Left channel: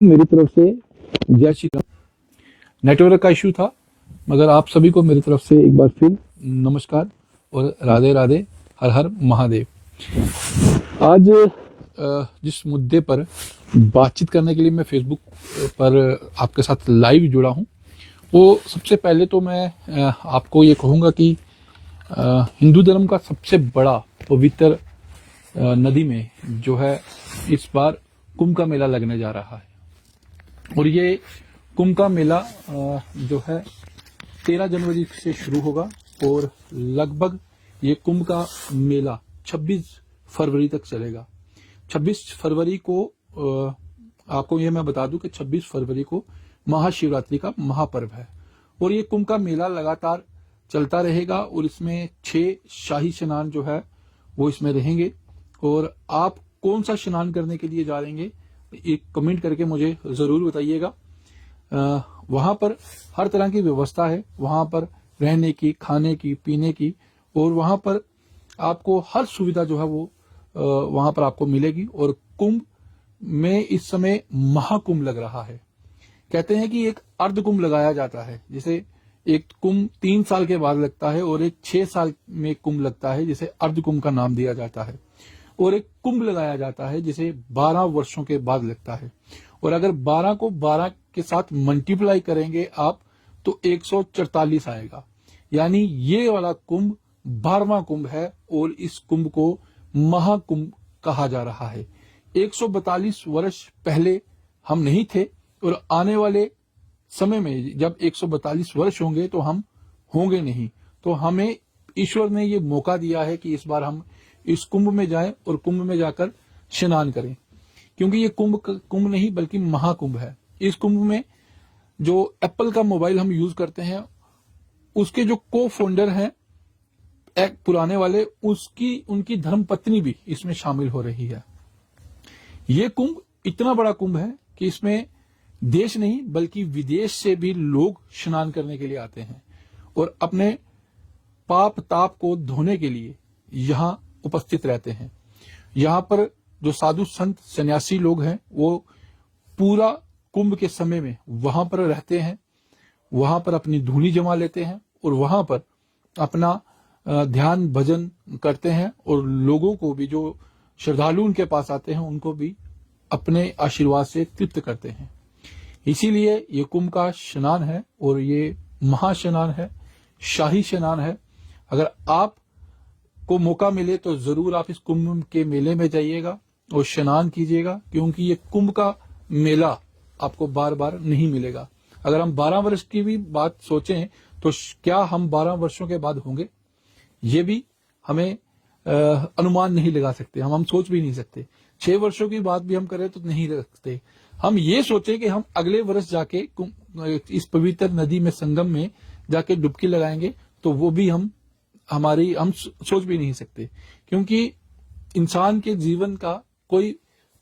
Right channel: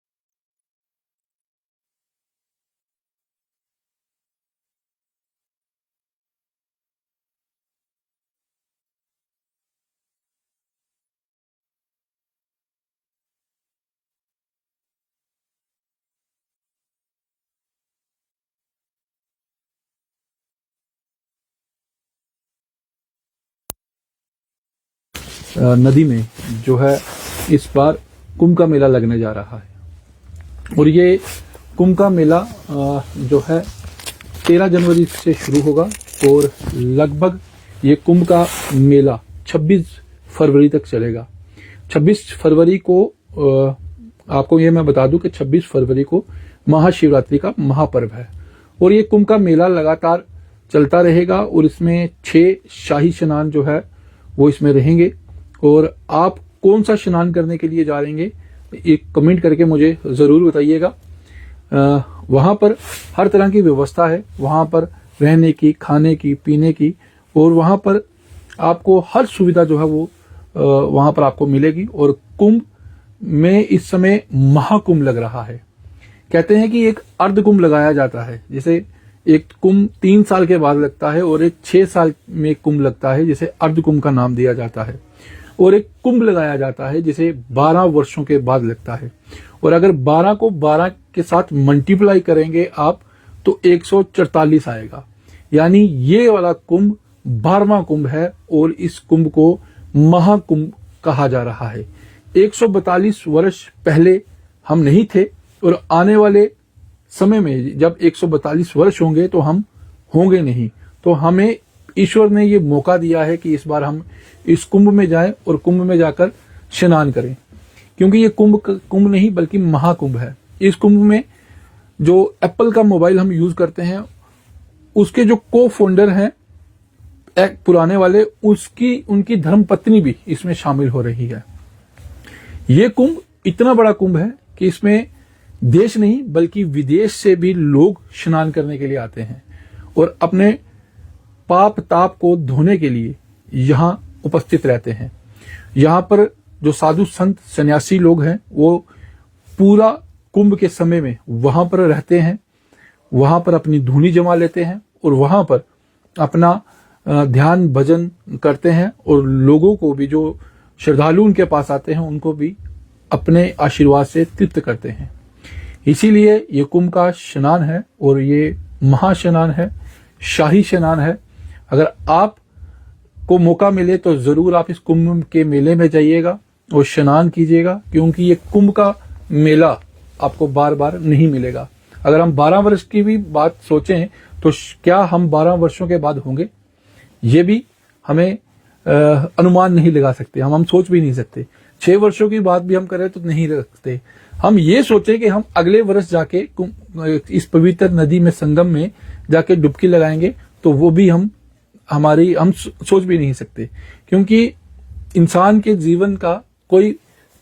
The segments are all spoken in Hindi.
मेरी तरफ से जय श्री राम। नेटवर्क का इशू था, मगर आप सभी को मेरी तरफ से एक बार फिर नमस्कार और राधे राधे, हर हर महादेव। आज जिस मुद्दे पर बातचीत करने के लिए मैं फेसबुक पर आपके साथ लाइव जुड़ा हूं, वो सबसे पहले तो मैं आपको ये कहूँगा कि हिंदू धर्म का सबसे बड़ा पवित्र नदी में जो है इस बार कुंभ का मेला लगने जा रहा है। और ये कुंभ का मेला जो है 13 जनवरी से शुरू होगा और लगभग ये कुंभ का मेला 26 फरवरी तक चलेगा। 26 फरवरी को आपको ये मैं बता दूं कि 26 फरवरी को महाशिवरात्रि का महापर्व है और ये कुंभ का मेला लगातार चलता रहेगा और इसमें 6 शाही स्नान जो है वो इसमें रहेंगे। और आप कौन सा स्नान करने के लिए जा रहे हैं, एक कमेंट करके मुझे जरूर बताइएगा। वहां पर हर तरह की व्यवस्था है, वहां पर रहने की, खाने की, पीने की, और वहां पर आपको हर सुविधा जो है वो वहां पर आपको मिलेगी। और कुंभ में इस समय महाकुंभ लग रहा है। कहते हैं कि एक अर्ध कुंभ लगाया जाता है, जैसे एक कुंभ 3 साल के बाद लगता है और एक 6 साल में कुंभ लगता है, जिसे अर्ध कुंभ का नाम दिया जाता है। और एक कुंभ लगाया जाता है जिसे 12 वर्षों के बाद लगता है। और अगर 12 को 12 के साथ मल्टीप्लाई करेंगे आप तो 144 आएगा। यानी ये वाला कुंभ 12वां कुंभ है और इस कुंभ को महाकुंभ कहा जा रहा है। 142 वर्ष पहले हम नहीं थे और आने वाले समय में जब 142 वर्ष होंगे तो हम होंगे नहीं। तो हमें ईश्वर ने ये मौका दिया है कि इस बार हम इस कुंभ में जाएं और कुंभ में जाकर स्नान करें, क्योंकि ये कुंभ नहीं बल्कि महाकुंभ है। इस कुंभ में जो एप्पल का मोबाइल हम यूज करते हैं उसके जो को फाउंडर हैं पुराने वाले, उनकी धर्मपत्नी भी इसमें शामिल हो रही है। ये कुंभ इतना बड़ा कुंभ है कि इसमें देश नहीं बल्कि विदेश से भी लोग स्नान करने के लिए आते हैं और अपने पाप ताप को धोने के लिए यहाँ उपस्थित रहते हैं। यहाँ पर जो साधु संत सन्यासी लोग हैं वो पूरा कुंभ के समय में वहां पर रहते हैं, वहां पर अपनी धूनी जमा लेते हैं और वहां पर अपना ध्यान भजन करते हैं और लोगों को भी, जो श्रद्धालु उनके पास आते हैं, उनको भी अपने आशीर्वाद से तृप्त करते हैं। इसीलिए ये कुंभ का स्नान है और ये महास्नान है, शाही स्नान है। अगर आप को मौका मिले तो जरूर आप इस कुंभ के मेले में जाइएगा और स्नान कीजिएगा, क्योंकि ये कुंभ का मेला आपको बार बार नहीं मिलेगा। अगर हम 12 वर्ष की भी बात सोचें तो क्या हम 12 वर्षों के बाद होंगे, ये भी हमें अनुमान नहीं लगा सकते, हम सोच भी नहीं सकते। 6 वर्षों की बात भी हम करें तो नहीं रखते। हम ये सोचे कि हम अगले वर्ष जाके इस पवित्र नदी में, संगम में जाके डुबकी लगाएंगे, तो वो भी हम सोच भी नहीं सकते, क्योंकि इंसान के जीवन का कोई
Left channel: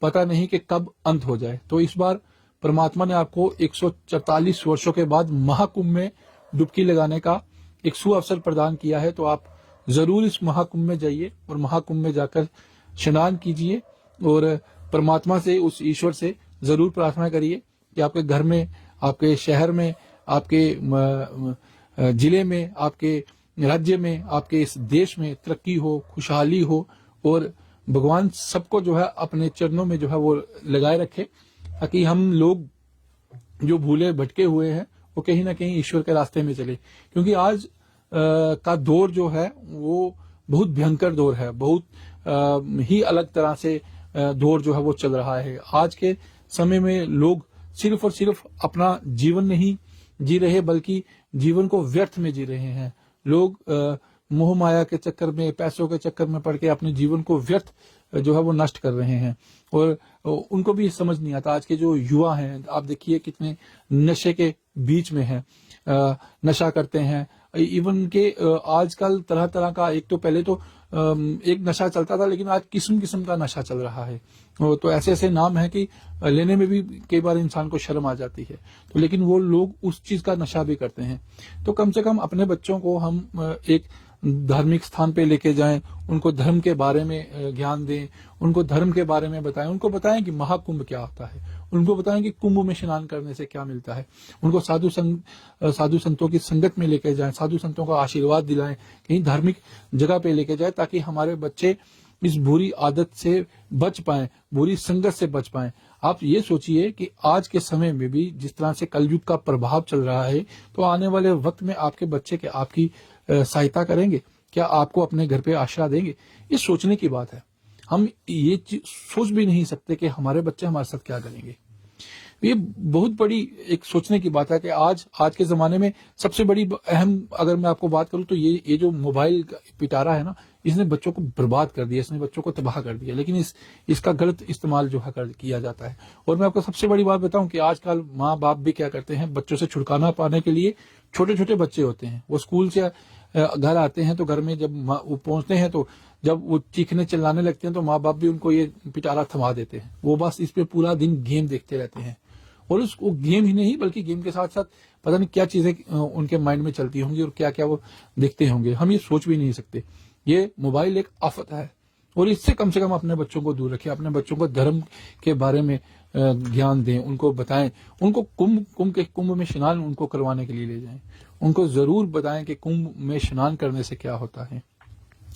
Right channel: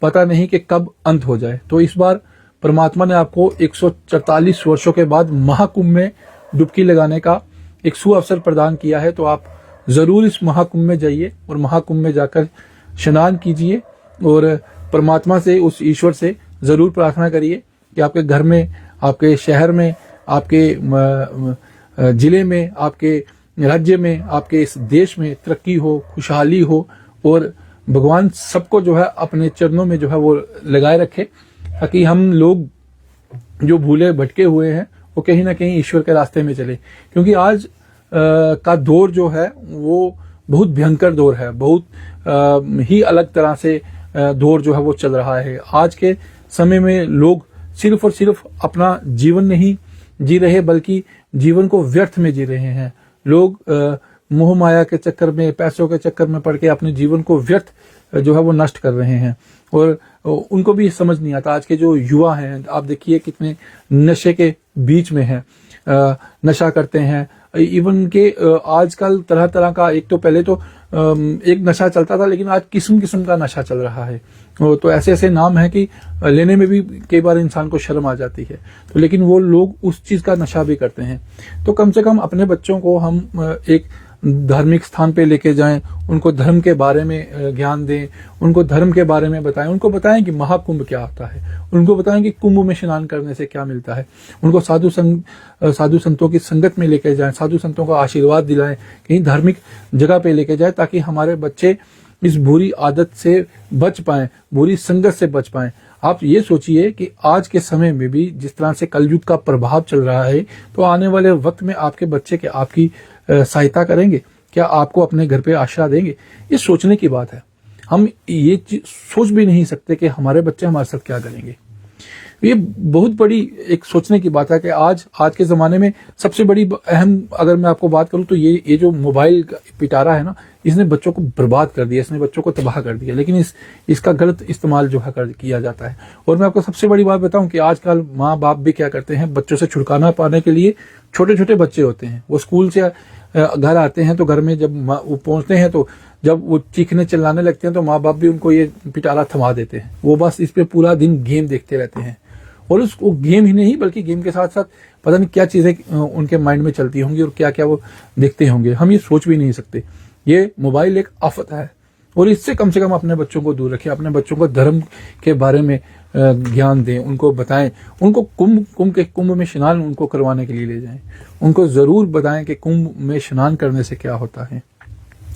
पता नहीं कि कब अंत हो जाए। तो इस बार परमात्मा ने आपको 144 वर्षों के बाद महाकुंभ में डुबकी लगाने का एक सुअवसर प्रदान किया है। तो आप जरूर इस महाकुंभ में जाइए और महाकुंभ में जाकर स्नान कीजिए और परमात्मा से, उस ईश्वर से जरूर प्रार्थना करिए कि आपके घर में, आपके शहर में, आपके जिले में, आपके राज्य में, आपके इस देश में तरक्की हो, खुशहाली हो और भगवान सबको जो है अपने चरणों में जो है वो लगाए रखे, ताकि हम लोग जो भूले भटके हुए हैं वो कहीं ना कहीं ईश्वर के रास्ते में चले। क्योंकि आज का दौर जो है वो बहुत भयंकर दौर है, बहुत ही अलग तरह से दौर जो है वो चल रहा है। आज के समय में लोग सिर्फ और सिर्फ अपना जीवन नहीं जी रहे बल्कि जीवन को व्यर्थ में जी रहे हैं। लोग मोह माया के चक्कर में, पैसों के चक्कर में पड़ के अपने जीवन को व्यर्थ जो है वो नष्ट कर रहे हैं और उनको भी समझ नहीं आता। आज के जो युवा हैं, आप देखिए कितने नशे के बीच में हैं, नशा करते हैं। इवन के आजकल तरह तरह का, एक तो पहले तो एक नशा चलता था, लेकिन आज किस्म किस्म का नशा चल रहा है। तो ऐसे ऐसे नाम है कि लेने में भी कई बार इंसान को शर्म आ जाती है। तो लेकिन वो लोग उस चीज का नशा भी करते हैं। तो कम से कम अपने बच्चों को हम एक धार्मिक स्थान पे लेके जाएं, उनको धर्म के बारे में ज्ञान दें, उनको धर्म के बारे में बताएं, उनको बताएं कि महाकुंभ क्या होता है, उनको बताएं कि कुंभ में स्नान करने से क्या मिलता है, उनको साधु संतों की संगत में लेके जाएं, साधु संतों का आशीर्वाद दिलाएं, कहीं धार्मिक जगह पे लेके जाएं, ताकि हमारे बच्चे इस बुरी आदत से बच पाएं, बुरी संगत से बच पाएं। आप ये सोचिए कि आज के समय में भी जिस तरह से कलयुग का प्रभाव चल रहा है, तो आने वाले वक्त में आपके बच्चे क्या आपकी सहायता करेंगे? क्या आपको अपने घर पे आश्रय देंगे? ये सोचने की बात है। हम ये सोच भी नहीं सकते कि हमारे बच्चे हमारे साथ क्या करेंगे। ये बहुत बड़ी एक सोचने की बात है कि आज के जमाने में सबसे बड़ी अहम अगर मैं आपको बात करूं तो ये जो मोबाइल पिटारा है ना, इसने बच्चों को बर्बाद कर दिया, इसने बच्चों को तबाह कर दिया। लेकिन इसका गलत इस्तेमाल जो है किया जाता है। और मैं आपको सबसे बड़ी बात बताऊं कि आजकल माँ बाप भी क्या करते हैं, बच्चों से छुटकारा पाने के लिए, छोटे छोटे बच्चे होते हैं, वो स्कूल से घर आते हैं तो घर में जब वो पहुंचते हैं तो जब वो चीखने चिल्लाने लगते हैं तो माँ बाप भी उनको ये पिटारा थमा देते हैं। वो बस इस पे पूरा दिन गेम देखते रहते हैं, और उसको गेम ही नहीं बल्कि गेम के साथ साथ पता नहीं क्या चीजें उनके माइंड में चलती होंगी और क्या क्या वो देखते होंगे, हम ये सोच भी नहीं सकते। ये मोबाइल एक आफत है, और इससे कम से कम अपने बच्चों को दूर रखें, अपने बच्चों को धर्म के बारे में ज्ञान दें, उनको बताएं, उनको कुंभ में स्नान उनको करवाने के लिए ले जाएं, उनको जरूर बताएं कि कुंभ में स्नान करने से क्या होता है,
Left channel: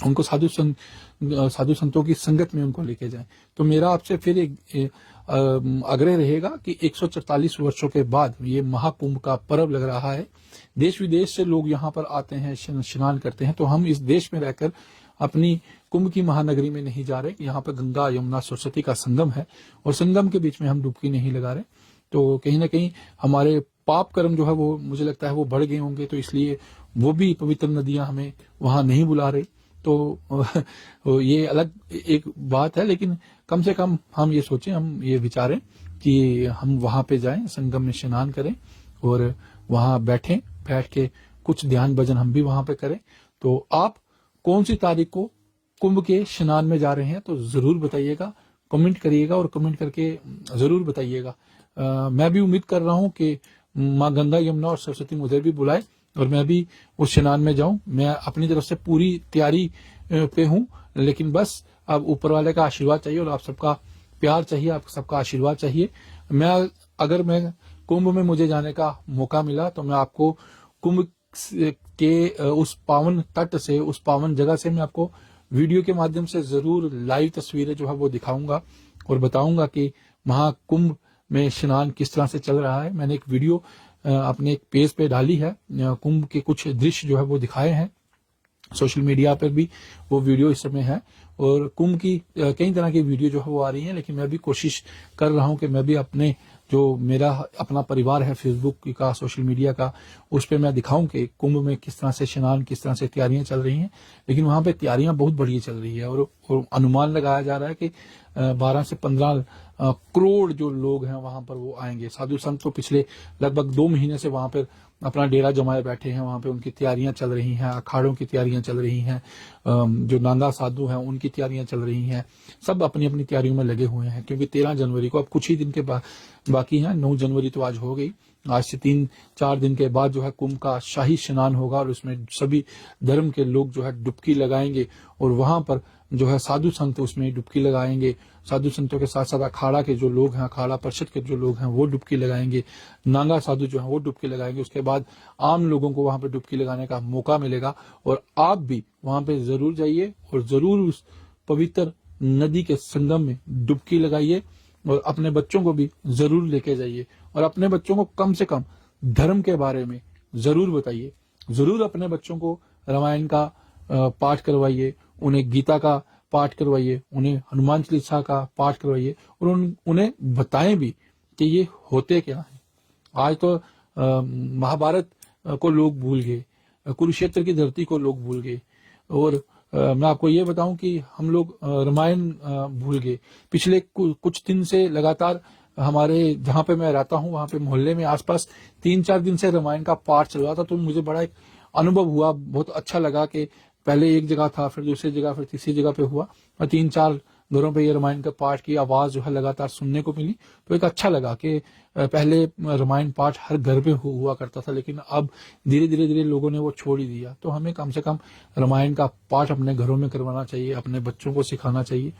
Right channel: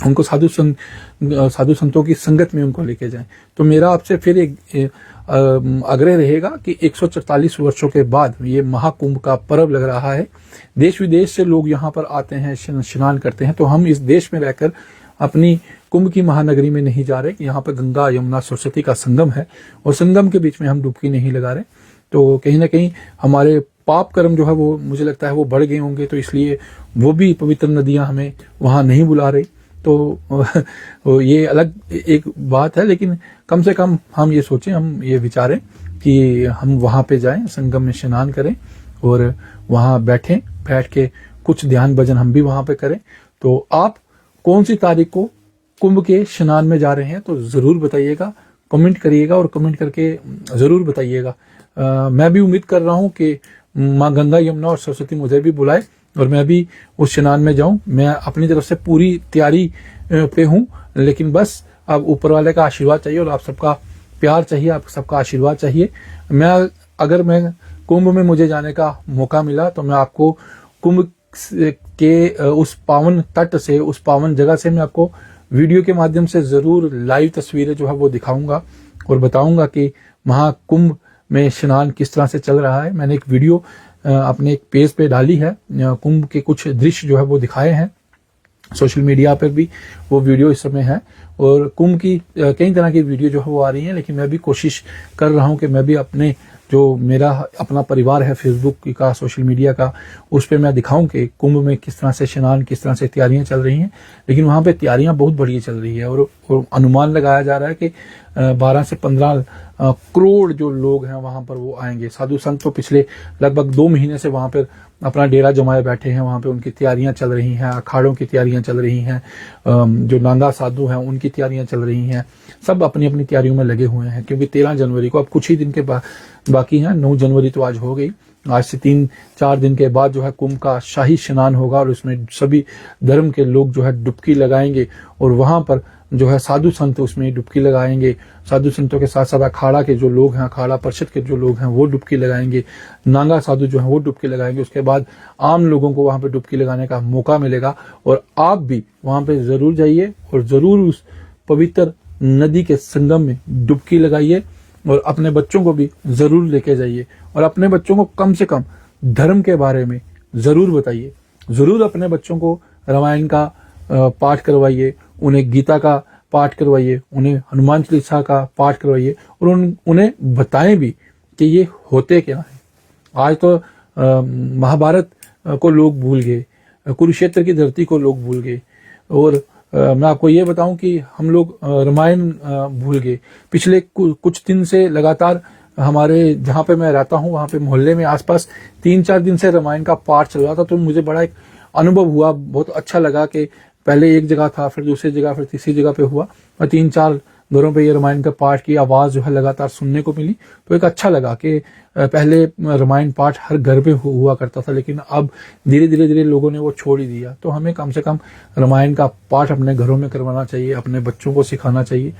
उनको साधु संतों की संगत में उनको लेके जाएं। तो मेरा आपसे फिर एक आग्रह रहेगा कि 144 वर्षों के बाद ये महाकुंभ का पर्व लग रहा है, देश विदेश से लोग यहाँ पर आते हैं, स्नान करते हैं। तो हम इस देश में रहकर अपनी कुंभ की महानगरी में नहीं जा रहे कि यहाँ पर गंगा यमुना सरस्वती का संगम है और संगम के बीच में हम डुबकी नहीं लगा रहे। तो कहीं ना कहीं हमारे पाप कर्म जो है वो मुझे लगता है वो बढ़ गए होंगे, तो इसलिए वो भी पवित्र नदियां हमें वहां नहीं बुला रही। तो ये अलग एक बात है, लेकिन कम से कम हम ये सोचें, हम ये विचारें कि हम वहां पे जाएं, संगम में स्नान करें और वहां बैठ के कुछ ध्यान भजन हम भी वहां पे करें। तो आप कौन सी तारीख को कुंभ के स्नान में जा रहे हैं तो जरूर बताइएगा, कमेंट करिएगा और कमेंट करके जरूर बताइएगा। मैं भी उम्मीद कर रहा हूं कि माँ गंगा यमुना और सरस्वती मुझे भी बुलाए और मैं भी उस स्नान में जाऊं। मैं अपनी तरफ से पूरी तैयारी पे हूं, लेकिन बस अब ऊपर वाले का आशीर्वाद चाहिए और आप सबका प्यार चाहिए, आप सबका आशीर्वाद चाहिए। अगर मैं कुंभ में मुझे जाने का मौका मिला तो मैं आपको कुंभ के उस पावन तट से, उस पावन जगह से मैं आपको वीडियो के माध्यम से जरूर लाइव तस्वीरें जो है वो दिखाऊंगा और बताऊंगा कि महाकुंभ में स्नान किस तरह से चल रहा है। मैंने एक वीडियो अपने एक पेज पे डाली है, कुंभ के कुछ दृश्य जो है वो दिखाए हैं, सोशल मीडिया पर भी वो वीडियो इस समय है। और कुंभ की कई तरह की वीडियो जो है वो आ रही है, लेकिन मैं भी कोशिश कर रहा हूं कि मैं भी अपने जो मेरा अपना परिवार है फेसबुक का, सोशल मीडिया का, उस पर मैं दिखाऊं कि कुंभ में किस तरह से स्नान, किस तरह से तैयारियां चल रही हैं। लेकिन वहां पे तैयारियां बहुत बढ़िया चल रही है और अनुमान लगाया जा रहा है कि 12 से 15 करोड़ जो लोग हैं वहां पर वो आएंगे। साधु संत तो पिछले लगभग 2 महीने से वहां पर अपना डेरा जमाए बैठे हैं, वहां पे उनकी तैयारियां चल रही हैं, अखाड़ों की तैयारियां चल रही हैं, जो नांगा साधु हैं उनकी तैयारियां चल रही हैं। सब अपनी अपनी तैयारियों में लगे हुए हैं, क्योंकि 13 जनवरी को अब कुछ ही दिन के बाकी हैं। 9 जनवरी तो आज हो गई, आज से 3-4 दिन के बाद जो है कुंभ का शाही स्नान होगा और उसमें सभी धर्म के लोग जो है डुबकी लगाएंगे और वहां पर जो है साधु संत उसमें डुबकी लगाएंगे। साधु संतों के साथ साथ अखाड़ा के जो लोग हैं, अखाड़ा परिषद के जो लोग हैं वो डुबकी लगाएंगे, नांगा साधु जो है वो डुबकी लगाएंगे। उसके बाद आम लोगों को वहां पे डुबकी लगाने का मौका मिलेगा और आप भी वहां पे जरूर जाइए और जरूर उस पवित्र नदी के संगम में डुबकी लगाइए और अपने बच्चों को भी जरूर लेके जाइए और अपने बच्चों को कम से कम धर्म के बारे में जरूर बताइए। जरूर अपने बच्चों को रामायण का पाठ करवाइए, उन्हें गीता का पाठ करवाइए, उन्हें हनुमान चालीसा का पाठ करवाइए और उन्हें बताएं भी कि ये होते क्या है। आज तो महाभारत को लोग भूल गए, कुरुक्षेत्र की धरती को लोग भूल गए और मैं आपको ये बताऊं कि हम लोग रामायण भूल गए। पिछले कुछ दिन से लगातार हमारे जहां पे मैं रहता हूं वहां पे मोहल्ले में आसपास 3-4 दिन से रामायण का पाठ चल रहा था, तो मुझे बड़ा एक अनुभव हुआ, बहुत अच्छा लगा कि पहले एक जगह था, फिर दूसरी जगह, फिर तीसरी जगह पे हुआ और 3-4 घरों पे ये रामायण का पाठ की आवाज जो है लगातार सुनने को मिली, तो एक अच्छा लगा कि पहले रामायण पाठ हर घर पे हुआ करता था, लेकिन अब धीरे धीरे धीरे लोगों ने वो छोड़ ही दिया। तो हमें कम से कम रामायण का पाठ अपने घरों में करवाना चाहिए, अपने बच्चों को सिखाना चाहिए,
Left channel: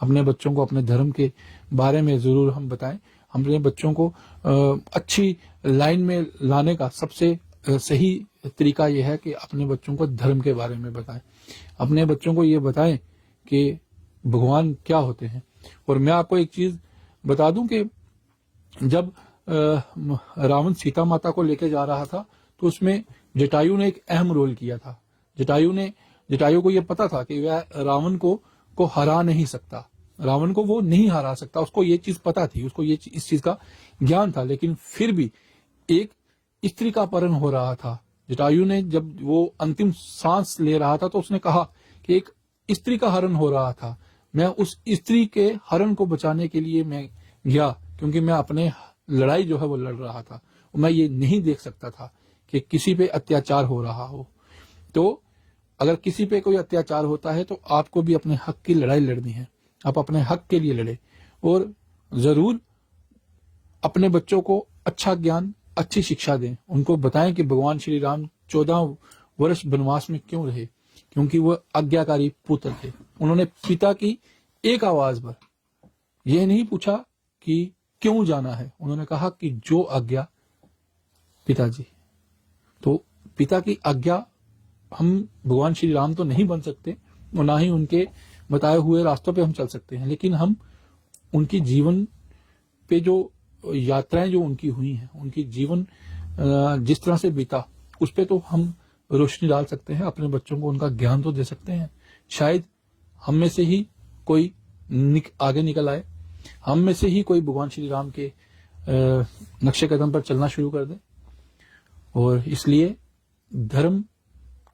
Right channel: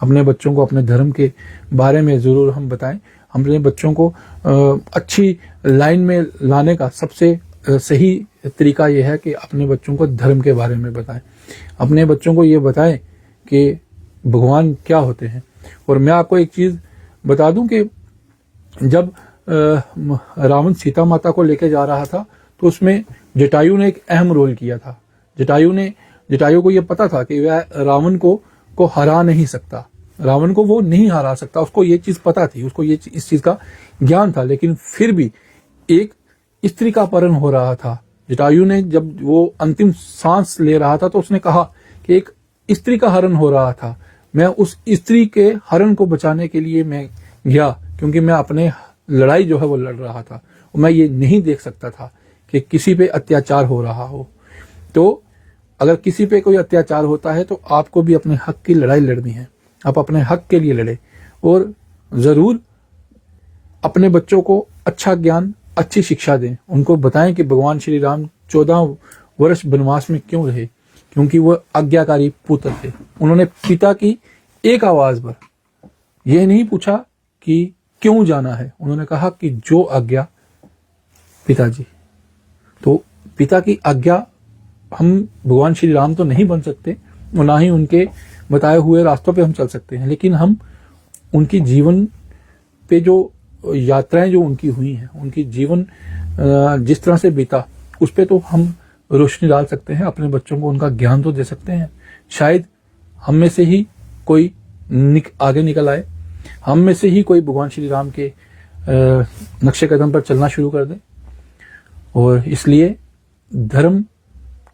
अपने बच्चों को अपने धर्म के बारे में जरूर हम बताएं। अपने बच्चों को अच्छी लाइन में लाने का सबसे सही तरीका यह है कि अपने बच्चों को धर्म के बारे में बताएं, अपने बच्चों को ये बताएं कि भगवान क्या होते हैं। और मैं आपको एक चीज बता दूं कि जब रावण सीता माता को लेके जा रहा था, तो उसमें जटायु ने एक अहम रोल किया था। जटायु को यह पता था कि वह रावण को हरा नहीं सकता, रावण को वो नहीं हरा सकता, उसको ये चीज पता थी, उसको इस चीज का ज्ञान था। लेकिन फिर भी एक स्त्री का अपहरण हो रहा था। जटायु ने जब वो अंतिम सांस ले रहा था, तो उसने कहा कि एक स्त्री का हरण हो रहा था, मैं उस स्त्री के हरण को बचाने के लिए मैं गया, क्योंकि मैं अपने लड़ाई जो है वो लड़ रहा था। मैं ये नहीं देख सकता था कि किसी पे अत्याचार हो रहा हो। तो अगर किसी पे कोई अत्याचार होता है तो आपको भी अपने हक की लड़ाई लड़नी है, आप अपने हक के लिए लड़े। और जरूर अपने बच्चों को अच्छा ज्ञान, अच्छी शिक्षा दें, उनको बताएं कि भगवान श्री राम 14 वर्ष वनवास में क्यों रहे, क्योंकि वो आज्ञाकारी पुत्र थे। उन्होंने पिता की एक आवाज पर यह नहीं पूछा कि क्यों जाना है, उन्होंने कहा कि जो आज्ञा पिताजी। तो पिता की आज्ञा, हम भगवान श्री राम तो नहीं बन सकते और ना ही उनके बताए हुए रास्तों पे हम चल सकते हैं, लेकिन हम उनकी जीवन पे जो यात्राएं जो उनकी हुई हैं, उनकी जीवन जिस तरह से बीता, उस पे तो हम रोशनी डाल सकते हैं, अपने बच्चों को उनका ज्ञान तो दे सकते हैं। शायद हम में से ही कोई आगे निकल आए, हम में से ही कोई भगवान श्री राम के नक्शे कदम पर चलना शुरू कर दे। और इसलिए धर्म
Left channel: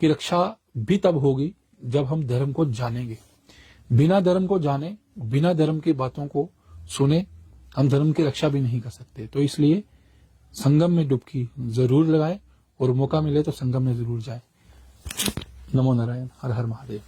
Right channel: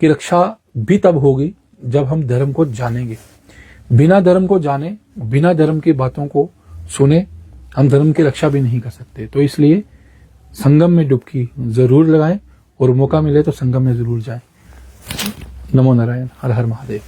की रक्षा भी तब होगी जब हम धर्म को जानेंगे। बिना धर्म को जाने, बिना धर्म की बातों को सुने, हम धर्म की रक्षा भी नहीं कर सकते। तो इसलिए संगम में डुबकी जरूर लगाएं और मौका मिले तो संगम में जरूर जाएं। नमो नारायण, हर हर महादेव।